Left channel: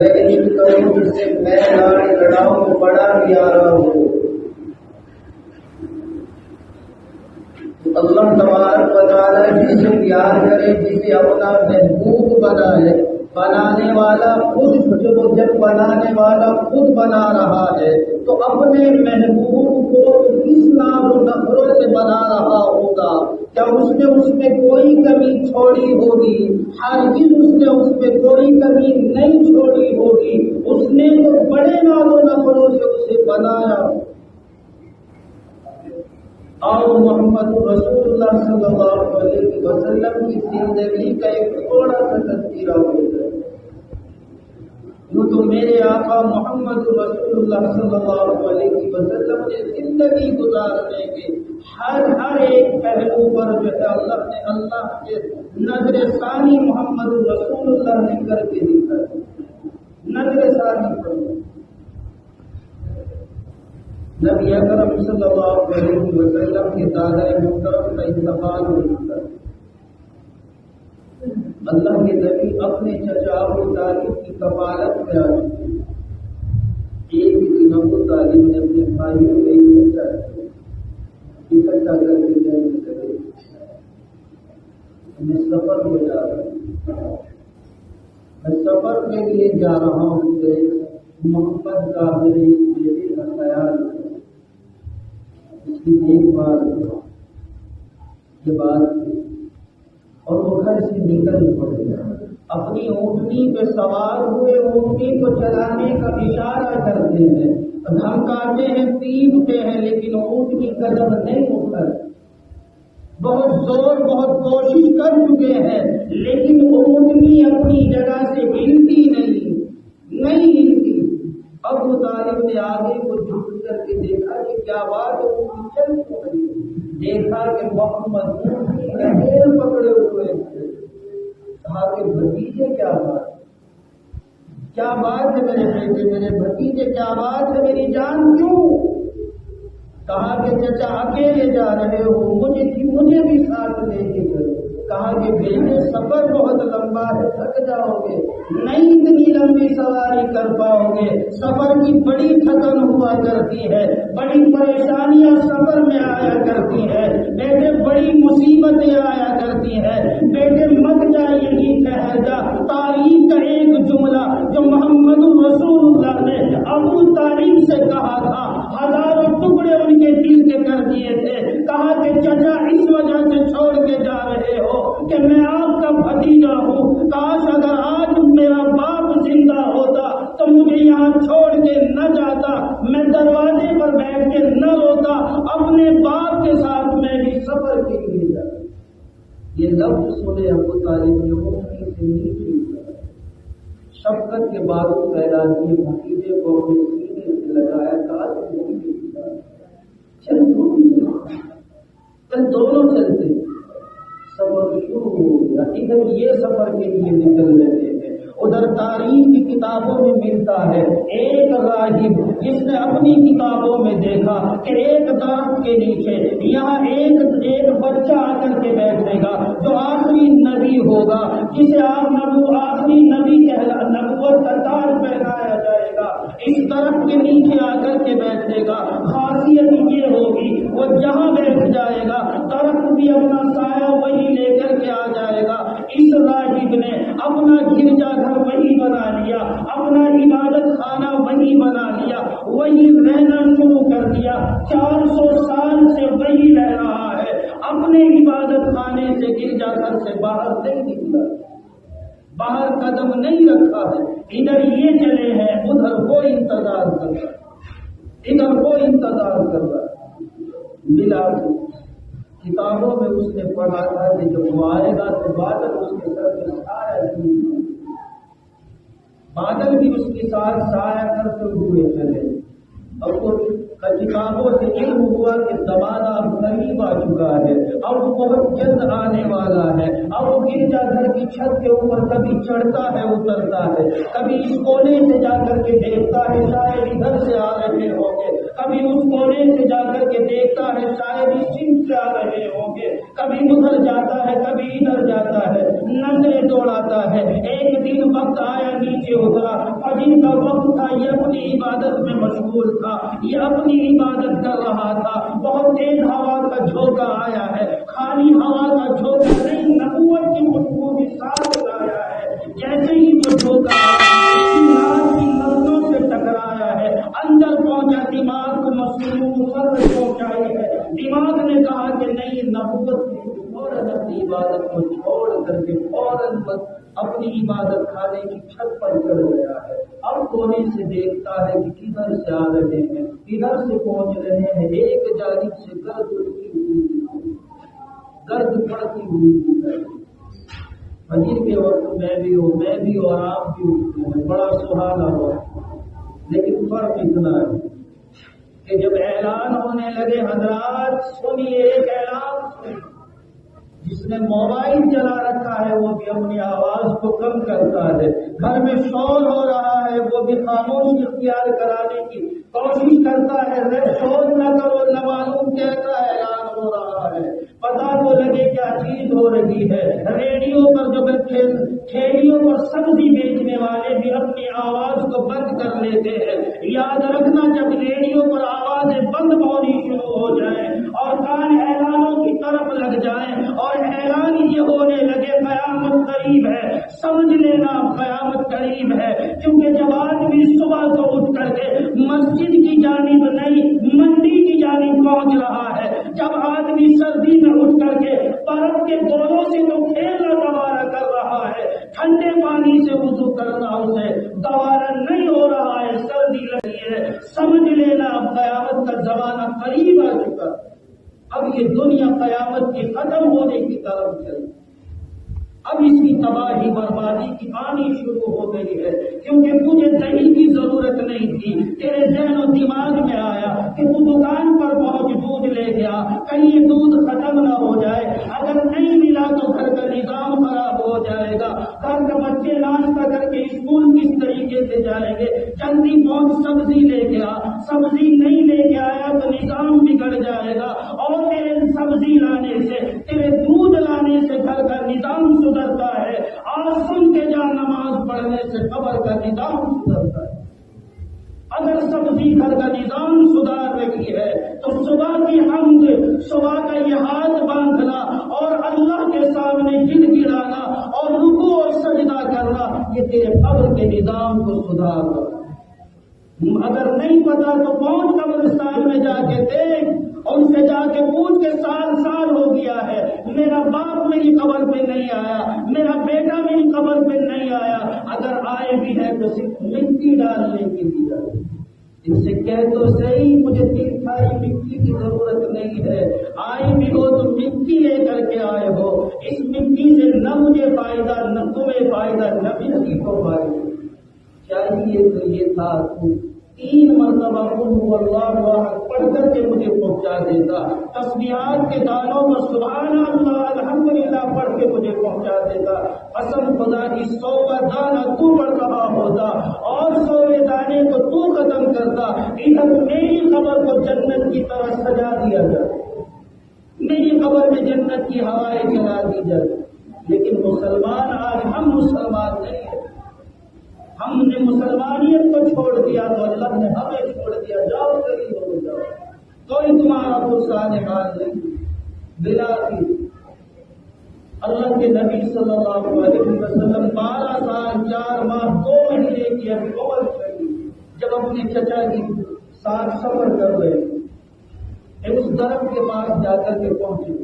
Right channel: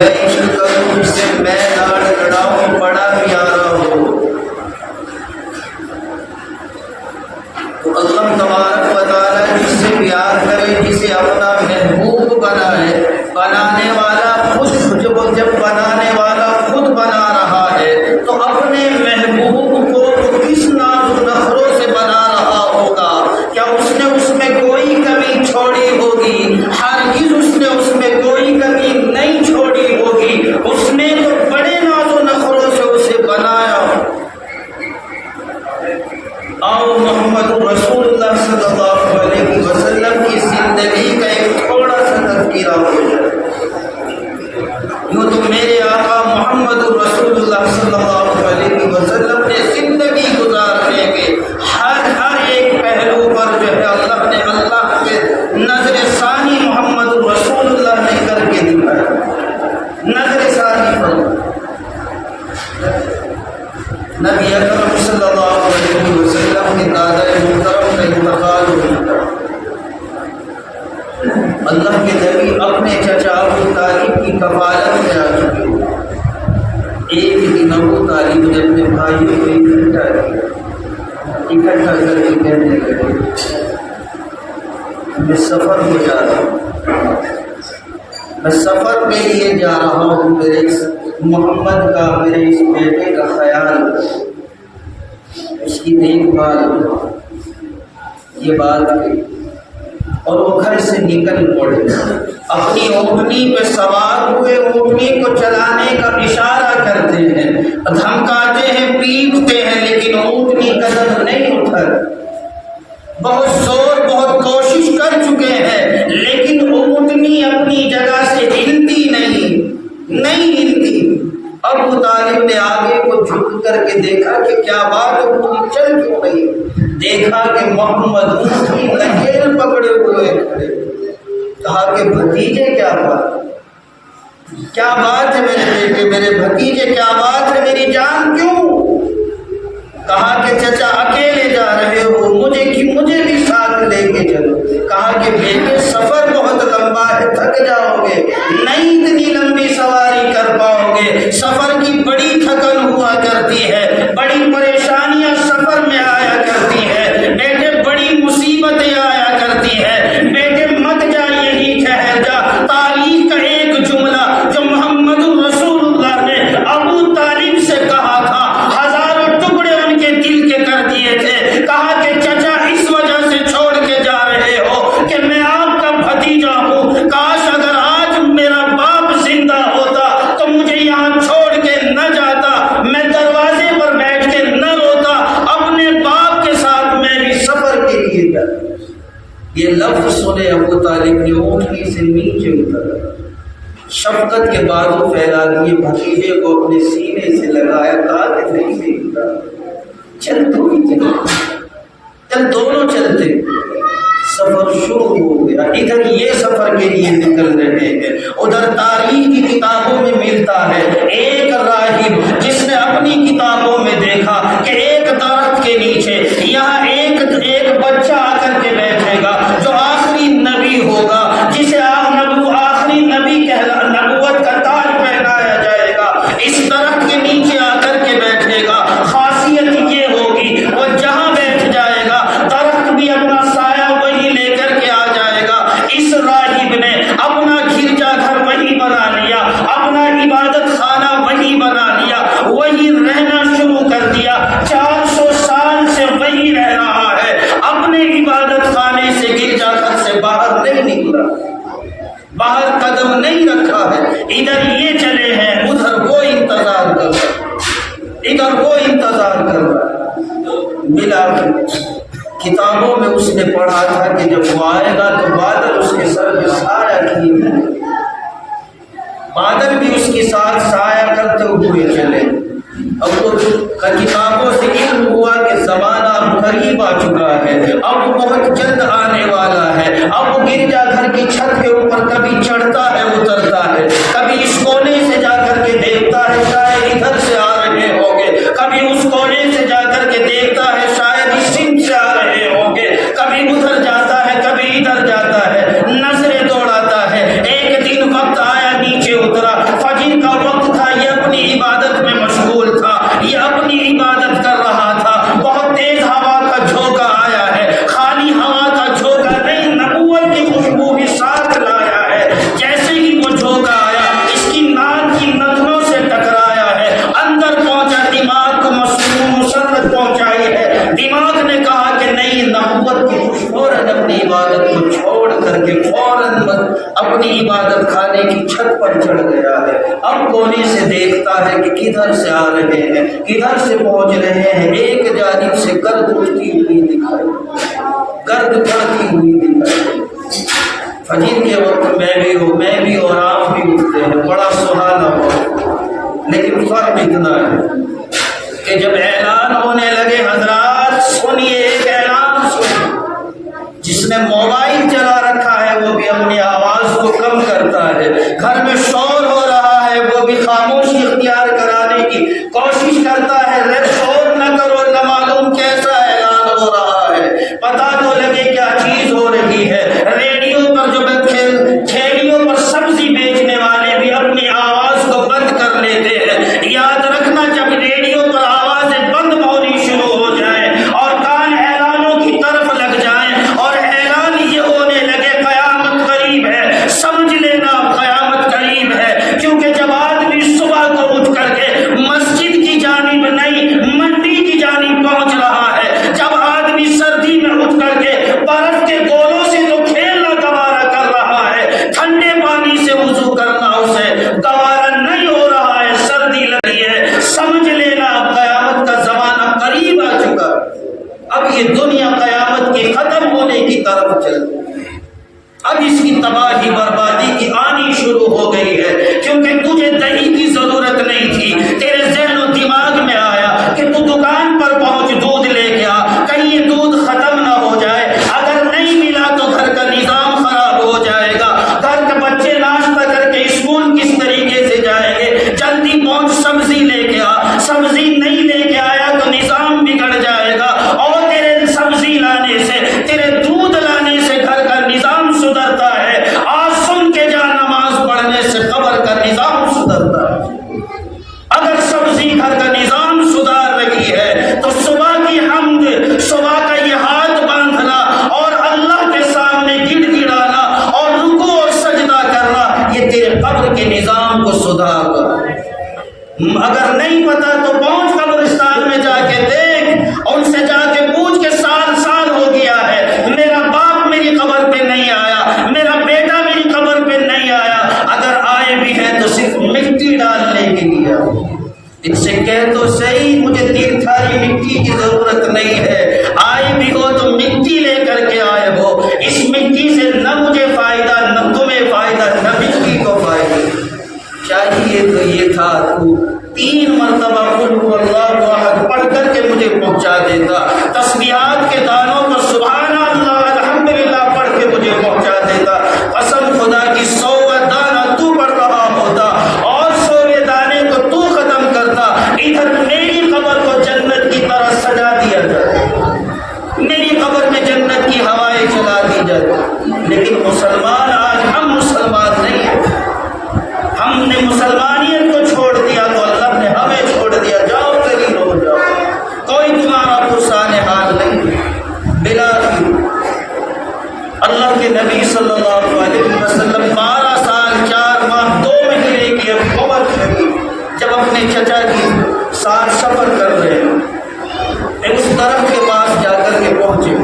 عشق کروں جس سے میں لڑاؤں بڑا پیارا ہو. تو اللہ تبارک و تعالیٰ جس سے پیار کرے، جسے اپنا محبوب بنائے، بنانے والا خود جب بنانے والا خود بنا رہا ہے تو اپنے محبوب کو کس ناز و نخروں سے بنا رہا ہوگا؟ کیا اس نے اس میں کوئی کمی چھوڑی ہوگی؟ ہرگز اس نے اس میں کوئی کمی نہیں چھوڑی ہوگی. اس نے تو بڑے ناز و نخروں سے اسے بنایا. اور محمد رسول اللہ صلی اللہ علیہ وسلم کی زندگی کا ایک تھوڑا سا تذکرہ ہو جائے. یوں تو میرے آقا محمد رسول اللہ صلی اللہ علیہ وسلم نے زندگی گزارنے کے ہر ایک پہلو پر جو ہے اللہ کے نظر ثانی محمد رسول اللہ نے کر کے دکھایا. نظر ثانی پر نبی اکرم صلی اللہ علیہ وسلم کے دادا محترم کا انتقال ہوا. اللہ کے نبی اپنے چچا ابو طالب کی کفالت میں آ چکے. ایک دن ابو طالب نے اپنے بھائیوں کو اکٹھا کر کے کہنے لگے، میں سفر میں جا رہا ہوں، میں سفر کے لیے جا رہا ہوں، میرے اس محمد کا، میرے اس بیٹے کا خیال، اس کی دیکھ بھال. یہ بات ہے اور وہ گھر سے نکل پڑے. اپنی اونٹنی پہ سوار ہوئے، اونٹنی کو چلانے کا اشارہ کرتے ہیں، دھمکاتے ہیں، پیٹتے ہیں، لیکن اونٹنی قدم نہیں اٹھا. بہت زور، بہت کوشش کر چکے ہیں، لیکن اونٹنی اپنی جگہ سے ہلتی نہیں ہلتی. ابو طالب نے آگے کو جھک کر کے دیکھا کہ کیا بات ہے، اونٹنی چل کیوں نہیں؟ دیکھا کہ محمد اونٹنی لکیر پکڑے ہوئے کھڑے. کہا کہ بھتیجے کیا بات ہے میرے بیٹے، میرے بھتیجے کیا بات ہے، میری جان کیوں؟ کہا کہ چچا اکیلے جا رہے ہو، مجھے بھی ساتھ لے کے چلو. کہا کہ بیٹے سفر بہت لمبا ہے، تھک جاؤ گے، نہیں اتنی لمبی سواری کر پاؤ گے. سفر کی بڑی تھکن ہوا کرتی ہے، بڑی پریشانیاں سفر میں آیا کرتی ہے بیٹے، بڑی مصیبتیں آیا کرتی ہے بیٹے، مت جا، یہی ٹھہر جا. تاریخ کا ایک جملہ جو محمد رسول اللہ نے ابو طالب سے کہا تھا، ہزاروں ٹکڑے ان کے دل کے کر دیے تھے. کہا کہ چچا اس وجہ سے چھوڑ کے جا رہے ہو کہ میں آپ کا بھتیجا ہوں، کاش اگر آج میرا باپ زندہ ہوتا تو مجھے یہاں چھوڑ کے نہ جاتا، میں دروازے پر بیٹھ کے نہ روتا، اپنے باپ کے ساتھ میں بھی سفر کے لیے جاتا. یہ لفظ سنے ابو طالب نے اونٹنی سے نیچے اترا، شفقت کے بادل پھیلا دیے، بھتیجے کو اپنے سینے سے لگایا. کہا کہ نہیں دیکھتا، چل تو ہی چل، دونوں چلتے. سفر شروع ہو گیا. ادھر یہ سفر کے لیے نکل رہے ہیں، ادھر تاریخ کی کتابوں میں ملتا ہے ایک راہب جس نے اپنی کتابوں میں دیکھا کہ ایک درخت کے نیچے یہاں ایک بچہ آ کر کے بیٹھے گا جو آخری نبی ہوگا، جسے آخری نبی نبوت کا تاج پہنایا جائے گا. اس درخت کے نیچے آ کر کے بیٹھے گا. خاصیت یہ ہوگی وہ جہاں بیٹھ جائے گا درخت بھی اپنا سایہ وہی لے کر کے آ جائے گا. اس راہب نے اپنا گرجا گھر وہی بنا لیا، اپنا عبادت خانہ وہی بنا لیا، وہی رہنا شروع کر دیا. 400 سال سے وہی رہ رہا ہے، اپنے عبادت خانے سے، گرجا گھر سے باہر نہیں نکلا، باہر قدم نہیں رکھا ہے. ادھر یہ چلے ہیں، ادھر وہ انتظار کر رہا ہے. ملا کتابوں میں اس نے پڑھا تھا کہ جب وہ آئے گا تو بادل اس کے سر پہ سایہ کیے، بادل بھی اس کے ساتھ سایہ کرتے ہوئے چلے. اب تو کتابوں سے علم ہوا کہ زمانہ اب قریب آ چکا ہے، اب بہت جلد آنے والا ہے. اب وہ گرجا گھر کی چھت کے اوپر کبھی چڑھتا ہے، اترتا ہے، کبھی اس کونے سے جا کر کے دیکھتا ہے شاید ادھر سے آ رہے ہوں گے، کبھی اس کونے سے جا کر کے دیکھتا ہے شاید اس سمت سے آ رہے ہوں گے، کبھی ادھر جاتا ہے، کبھی ادھر جاتا ہے، نظریں دوڑاتا ہے. ایک دن وقت آیا، نیچے اترا. گیا ہے، اب کونے سے دیکھتا ہے کہ کدھر سے آ رہے ہیں، کدھر سے پہنچ رہے ہیں، ایک جانب سے گرد اٹھتی ہوئی دکھائی، گرد پڑتی ہوئی دکھائی۔ فجر کے وقت میں بھی اور آپ بھی اٹھتے ہیں، بڑا سہانا وقت، لیکن فرق اتنا ہے کہ جب اعلان ہونے لگے، حضرات سنیے، ایک اعلان سنیے، جس نے موبائل چلا رکھا ہے وہ بھی اپنی آواز کو کم کرتا ہے، گھر میں شور ہو رہا ہے وہ بھی خاموشی اختیار کرانے کی کوشش کرتا ہے، شور نہ کرو، نہ معلوم کیسا اعلان ہو رہا ہے، پتہ تو لگے کیا چیز ہو رہی ہے۔ ریڈیو پر جو ٹھیلیوں پر سبزی بیچنے والے بھی اپنی آواز کو بند کر لیتے ہیں۔ یاد رکھنا، جب ریڈیو پر آوازیں بند ہونی شروع ہو جائیں اور کان اعلانوں کی طرف لگ جائیں اور اعلان یہ ہونے لگے قیامت قریب ہے، سمجھ لینا قیامت قریب ہے، کیونکہ جب آدمی صبح کو اٹھ کر کے مسجد کی جانب نہیں منڈی کی جانب پہنچ رہا ہے، جب آدمی سردی میں اٹھ کر کے برف کے گولوں سے تو کھیلنا گوارا کر رہا ہے، ٹھنڈے پانی سے وضو کرنا اسے گوارا نہیں ہو رہا ہے، سردی لگ رہی ہے، سمجھ لینا اب قیامت کا زمانہ قریب آ چکا، اب یہ دنیا قیامت کی ختم ہونے کی طرف چل رہی ہے، اب اس کی تباہی بربادی کی آنی شروع ہو گئی ہے، کیونکہ تجھے دہی کی ضرورت نہیں تھی، تیرے ذہن و دماغ میں آیا کہ تو دکان پر پہنچ دودھ لے کے آ، کہیں یہ دودھ ختم نہ ہو جائے، اگر نہیں ملا تو گھر کا نظام خراب ہو جائے گا، گھر کے بچے ناشتہ کر کے اسکول کس طریقے سے جائیں گے، جلدی پہنچ سبزی لے کے آ، سبزی نہیں لے کے آیا تو نظام بگڑ جائے گا، اور تیرے سبزی لانے سے، تیرے دودھ لانے سے گھر کا نظام سدھرتا ہے، آج سن کے جا، نماز پڑھنے سے قبر کا نظام سدھرتا ہے۔ اگر سبزی گھر کا نظام سدھار رہی ہے تو صبح کی حمد، صبح کا یہ ہاتھ باندھنا اور اللہ کے سامنے گڑ گڑانا اور رکوع اور سجدہ کرنا، یہ تیرے قبر کے نظام کو سدھار رہا ہے۔ اگر نہیں پتا تو پہنچ قبرستان میں جا کے دیکھ، ان سے جا کے پوچھ کے سال سال ہو گیا ہے، میرا باپ میری قبر پہ نہیں آیا، میرا بیٹا میری قبر پہ نہیں آیا، اگر آئے بھی ہے تو صرف مٹی ڈالنے کے لیے، ان سے کہہ تو صحیح مجھے تین تھاری مٹی کی ضرورت نہیں ہے، آئے بھی ہو تو مٹی لے کر کے آئے ہو، اس مٹی سے نہ مجھے فائدہ نہ تمہیں فائدہ نہ مٹی کو فائدہ، چاہیے تو یہ تھا تو 3 مرتبہ قل هو اللہ احد پڑھ کر کے مجھے پہنچا دیتا، تسبیحات کے دانوں پر سبحان اللہ الحمدللہ پڑھ کے مجھے پہنچا دیتا، قسم خدا کی 100 دانہ تو پڑھ رہا ہوتا اور 100 دانے کو تو ختم کرتا، ادھر میری قبر کو جنت کی طرح سجا دیا جاتا، میری قبر میں جنت کی ہوائیں چلا دی جاتی، لیکن مسلمان آج ہم مسلمان نہیں ہیں، ہم نے مسلمانیت کو چھوڑ دیا تو اللہ نے ہمیں چھوڑ دیا، جاؤ ذلیل ہو جاؤ، کوئی تمہارا پرسان حال نہیں۔ بلا اللہ کے نبی صلی اللہ علیہ وسلم 12 سال 4 ماہ 2 مہینے کی عمر شریف جب اپنے چچا کی ساتھ سفر کر رہے ہیں، اس درخت کے پاس جا کر کے پہنچے،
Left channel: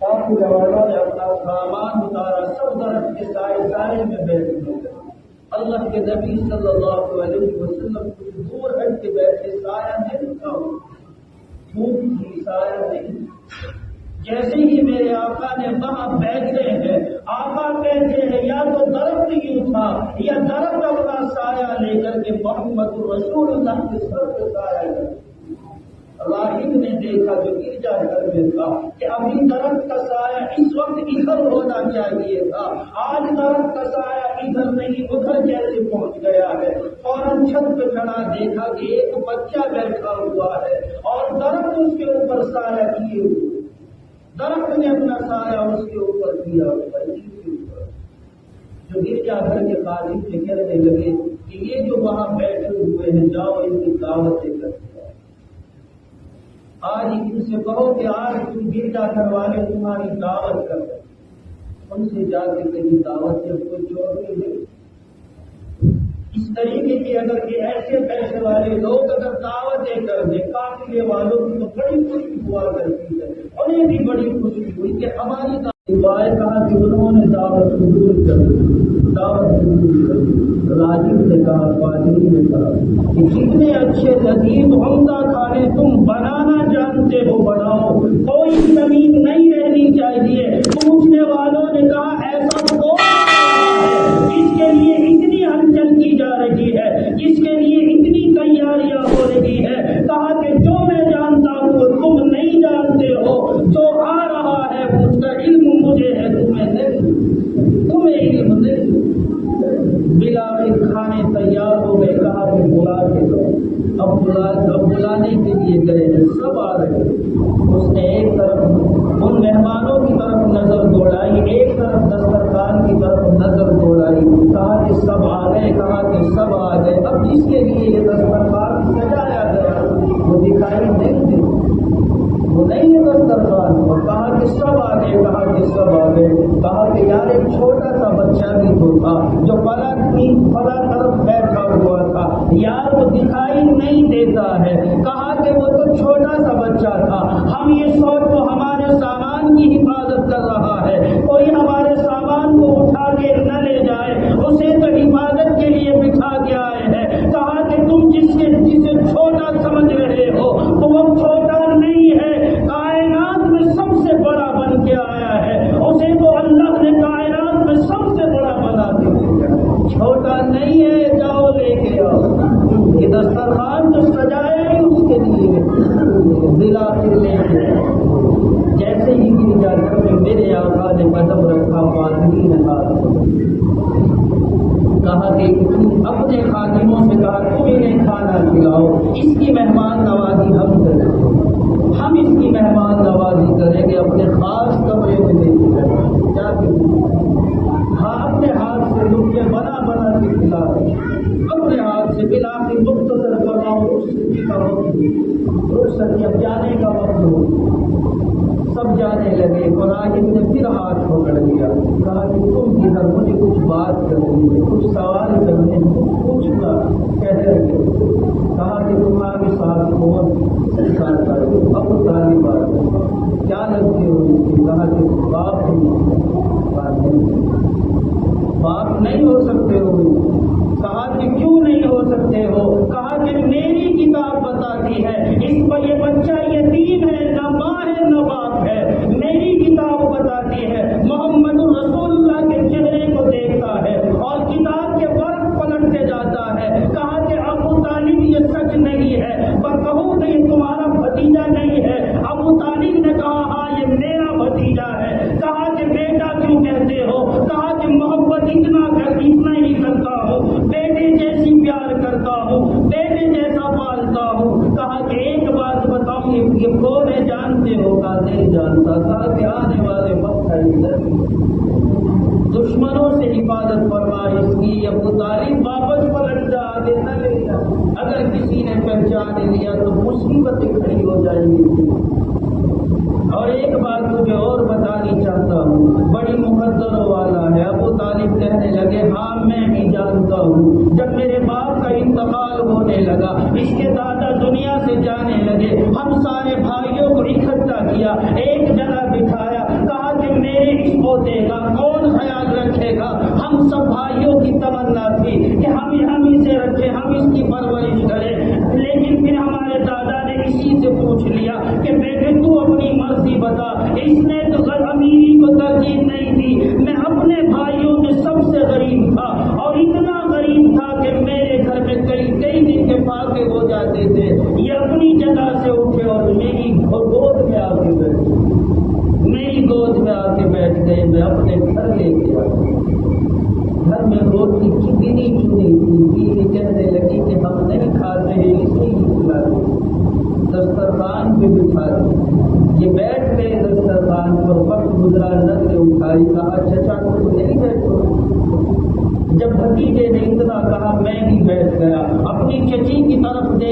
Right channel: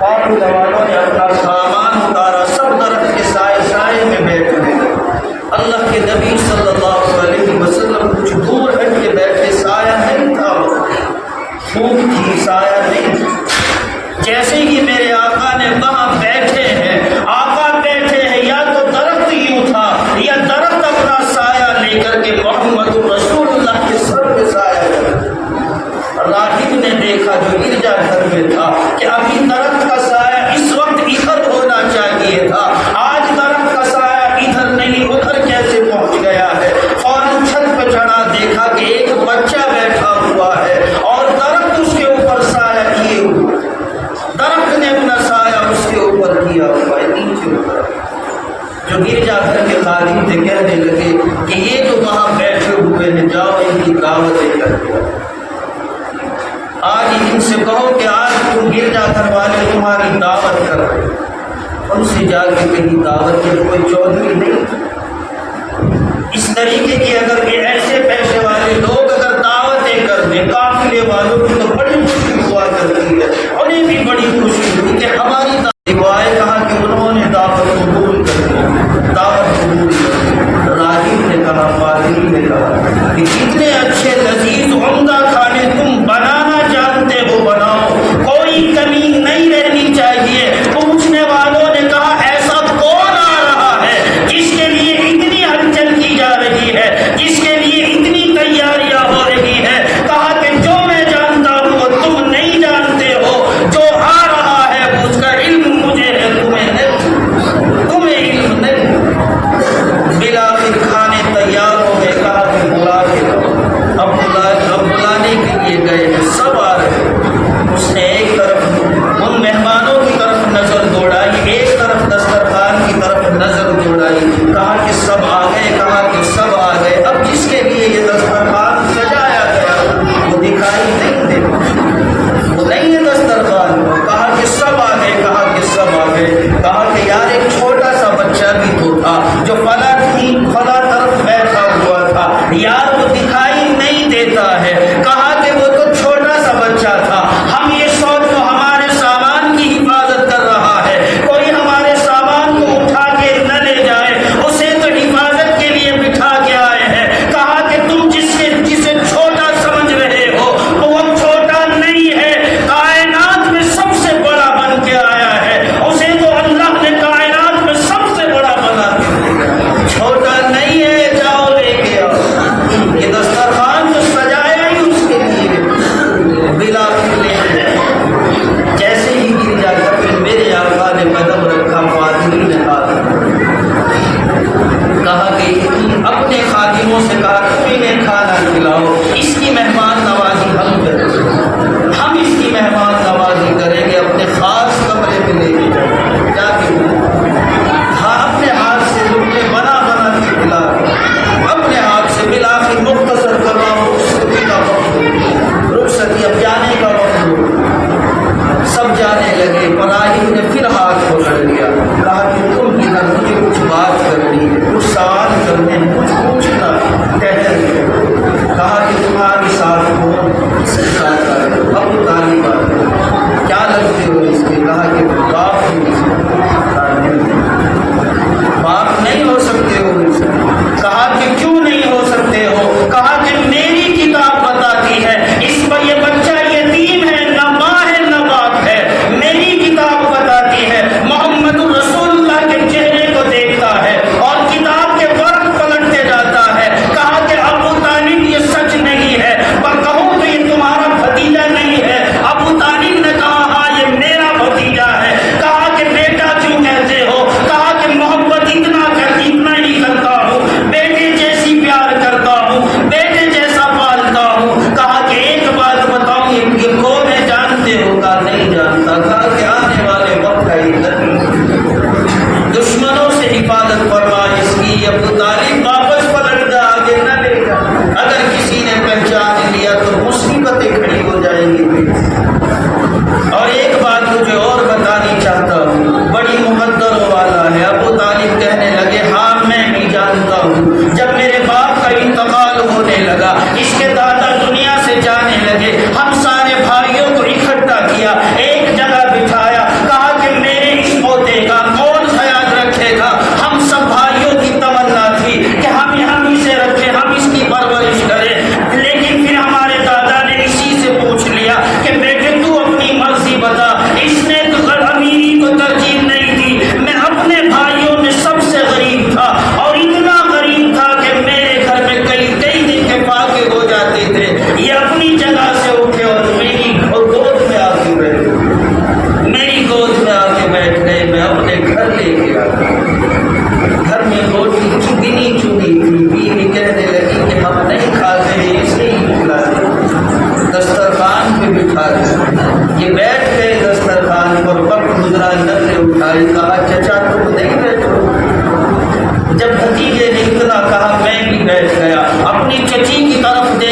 پاک والوں نے اپنا سامان اتارا، سب درخت کے سائے میں بیٹھ گئے، اللہ کے نبی صلی اللہ علیہ وسلم کچھ دور ہٹ کے بیٹھے، سایہ نہیں تھا، دھوپ تھی، سایہ نہیں تھا، جیسے ہی میرے آقا نے وہاں بیٹھے ہیں، آقا بیٹھے ہیں، یا تو درخت یوں تھا یا درخت اپنا سایہ لے کر کے محمد رسول اللہ کے سر پہ سایہ کر، راہب نے دیکھا جو گرجا گھر میں تھا کہ ابھی درخت کا سایہ اس وقت ادھر ہونا چاہیے تھا، آج درخت کا سایہ ادھر نہیں ادھر کیسے پہنچ گیا ہے، فوراً چھت پہ چڑھا، دیکھا کہ ایک بچہ بیٹھا ہوا ہے اور درخت اس کے اوپر سایہ کیے ہوئے، درخت نے اپنا سایہ اس کے اوپر کیا ہوا ہے، نیچے اوپر، جو گرجا گھر کے خادم تھے کہنے لگے کہ یہ جو وہاں بیٹھے ہوئے ہیں جاؤ ان کی دعوتیں کر دو، آج ان سے کہو کہ آج تم گرجا گھر والے تمہاری دعوت کر رہے ہیں، ان سے جا کے کہیں دعوت کے کوئی چودھری نہیں، اس طریقے کی اگر یہ ایسے پیسے والے لوگ اگر دعوتیں کر دیں، قافلے والوں کی تو بڑی خوشی ہوا کرتی ہے، انہیں بھی بڑی خوشی ہوئی کہ ہماری دعوائیں کہا کہ انہوں نے دعوت قبول کر دی، دعوت قبول کر دی، راہب کہ کتنے اچھے لذیذ عمدہ کھانے تم بنانا جانتے ہو، بناؤ، کوئی کمی نہیں رہنی چاہیے۔ پوچھنے والوں نے کہا ایسا کون آ رہا ہے جس کے لیے اتنی ہلچل کی جا رہی ہے، جس کے لیے اتنی تیاریاں ہو رہی ہے؟ کہا کہ جو میں جانتا ہوں وہ تم نہیں جانتے ہو، جو آ رہا ہے اس کا علم مجھے ہے، تمہیں نہیں، تمہیں علم نہیں۔ بالآخر کھانے تیار ہو گئے، کہا کہ بلا کے لاؤ۔ اب بلانے کے لیے گئے، سب آ رہے۔ اس نے ایک طرف ان مہمانوں کی طرف نظر دوڑائی، ایک طرف دسترخوان کی طرف نظر دوڑائی، کہا کہ سب آ گئے، کہا کہ سب آ گئے۔ اب جس کے لیے یہ دسترخوان سجایا گیا وہ دکھائی نہیں دیتا، وہ نہیں ہے دسترخوان کو۔ کہا کہ سب آ گئے، کہا کہ سب آ گئے۔ کہا کہ یار ایک چھوٹا سا بچہ بھی تو تھا جو فلاں طرف بیٹھا ہوا تھا، یار وہ دکھائی نہیں دیتا ہے۔ کہا کہ وہ تو چھوٹا سا بچہ تھا، ہم یہ سوچ وہ ہمارے سامان کی حفاظت کر رہا ہے، کوئی ہمارے سامان کو اٹھا کے نہ لے جائے، اسے تو حفاظت کے لیے بٹھا کے آئے ہیں۔ کہا کہ تم جسے چھوٹا سمجھ رہے ہو وہ چھوٹا نہیں ہے، کائنات میں سب سے بڑا بن کے آیا ہے، اسے تو اللہ نے کائنات میں سب سے بڑا بنا دیا، چھوٹا نہیں ہے، جاؤ لے کے آؤ۔ یہ دسترخوان تو سجایا ہی اس کے لیے، بالآخر لے کے جیسے ہی گرجا گھر میں میرے آقا نے قدم رکھا، فاطمی نے ہاتھ کہا کہ اپنے خادموں سے کہا تم انہیں کھانا کھلاؤ، اس کی مہمان نوازی ہم کریں گے، ہم اس کی مہمان نوازی کریں گے، اپنے خاص کمرے میں لے کے جائیں، جا کے ہاں اپنے ہاتھ سے لقمے بنا بنا کے کھلا اپنے ہاتھ سے۔ بالآخر مختصر کرنا رخصتی کا وقت ہو، رخصتی اب جانے کا وقت ہو، سب جانے لگے۔ مراحل نے پھر ہاتھ پکڑ لیا، کہا کہ تم ادھر، مجھے کچھ بات کرنی ہے، کچھ سوال کرنے ہیں، کچھ پوچھنا کہتے ہیں۔ کہا کہ تمہارے ساتھ کون؟ اس کے ساتھ آئے، ابو طالب آئے، کیا لگتے ہو اس کے؟ کہا کہ باپ باپ نہیں ہو سکتے ہو اس کے۔ کہا کہ کیوں نہیں ہو سکتے ہو؟ کہا کہ میری کتاب بتاتی ہے اس پر یہ بچہ یتیم ہے، نہ ماں ہے نہ باپ ہے، میری کتاب بتاتی ہے محمد رسول اللہ کے چہرے کو دیکھتا ہے اور کتاب کے ورق پلٹتے جاتا ہے۔ کہا کہ ابو طالب یہ سچ نہیں ہے، پر کہوں تو یہ تمہارا بھتیجا نہیں ہے۔ ابو طالب نے کہا ہاں یہ میرا بھتیجا ہے۔ کہا کہ بیٹا کیوں کہتے ہو؟ کہا کہ محبت اتنا ہی کرتا ہوں، بیٹے جیسی پیار کرتا ہوں، بیٹے جیسا پالتا ہوں۔ کہا کہ ایک بات بتاؤں، یہ کون ہے جانتے ہو؟ کہا نہیں جانتا۔ کہا کہ آنے والے وقت کا یہ دشمنوں سے حفاظت فرما اس کی، ابو طالب واپس پلٹ جا، آگے نہ لے جا، اگر کسی نے پہچان لیا تو مصیبتیں کھڑی ہو جائیں گی۔ اور ایک بات مجھے اور بتانی چاہتا ہوں، بڑی مقدروں والا ہے۔ ابو طالب کہنے لگے ہاں میں بھی جانتا ہوں، جب میرے باپ کا انتقال ہونے لگا، اس کے دادا دنیا سے جانے لگے، ہم سارے بھائیوں کو اکٹھا کیا، ایک جگہ بٹھایا، کہا کہ میرے اس پوتے کا کون خیال رکھے گا؟ ہم سب بھائیوں کی تمنا تھی کہ ہم اسے رکھیں، ہم اس کی پرورش کریں، لیکن پھر ہمارے دادا نے اسی سے پوچھ لیا کہ بیٹے تو اپنی مرضی بتا، اس نے تو امیری کو ترجیح نہیں دی، میں اپنے بھائیوں میں سب سے غریب تھا اور اتنا غریب تھا کہ میرے گھر میں کئی دن کے فاقے ہو جاتے تھے، یہ اپنی جگہ سے اٹھے اور میری گود میں آ کے بیٹھ گئے، میری گود میں آ کے بیٹھ گئے، میں اپنے گھر لے کے آ گیا۔ گھر میں روٹی گنی چنی تھی، بیوی کہنے لگی کہ ہم نہیں کھاتے ہیں، اسے ہی کھلاتے، دسترخوان پہ بٹھا دیں۔ یہ بیٹھ گئے دسترخوان پر، وقت گزرا، نظریں اٹھائی، کہا چچا تم نہیں بیٹھو؟ جب بھتیجے نے اتنا کہا میں بھی بیٹھ گیا، اپنی چچی کی طرف دیکھ